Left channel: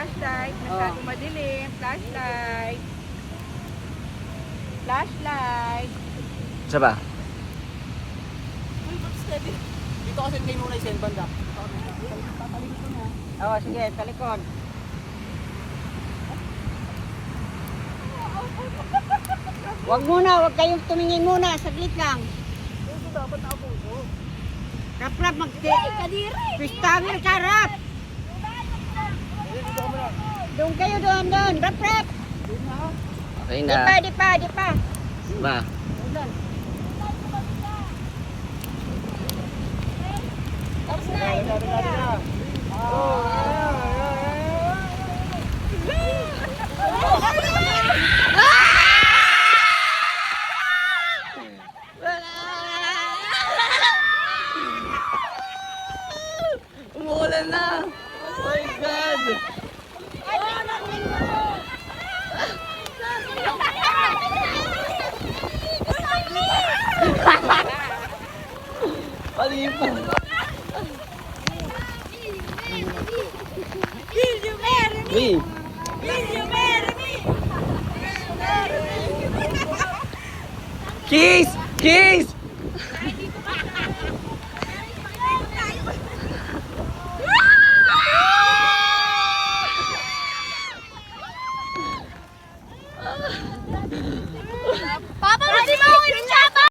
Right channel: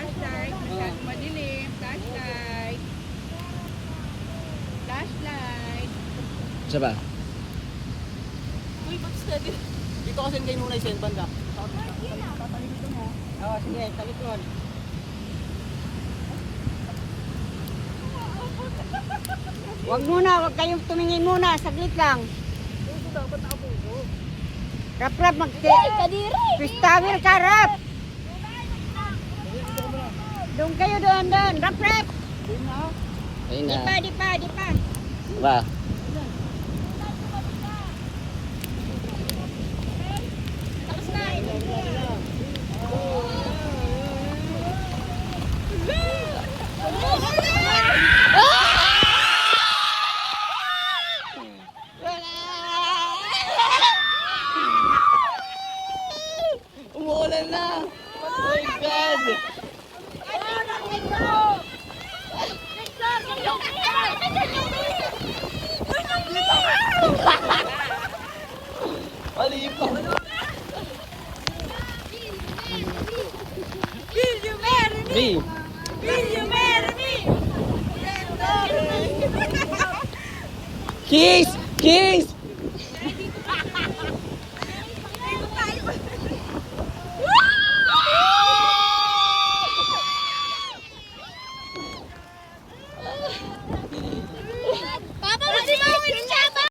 Flashlight. Masyado madilim. Flashlight. Flashlight. Isa ba? Uy, ba't steady? Dito kasi kayo muna yung send banda. Oo, sige, talikod. Wag muna, wag kayong tumingin muna. Saglit lang. Ito dapat nakabuso. Rap, Kadiri! Pistamer ka, rap. Doon kayo, doon. Rap. Okay na. Di pa. Ba? Umuulan na! Oh my God! Malipa! Will you marry me? Hey! Will you marry me? Kiss! Kiss!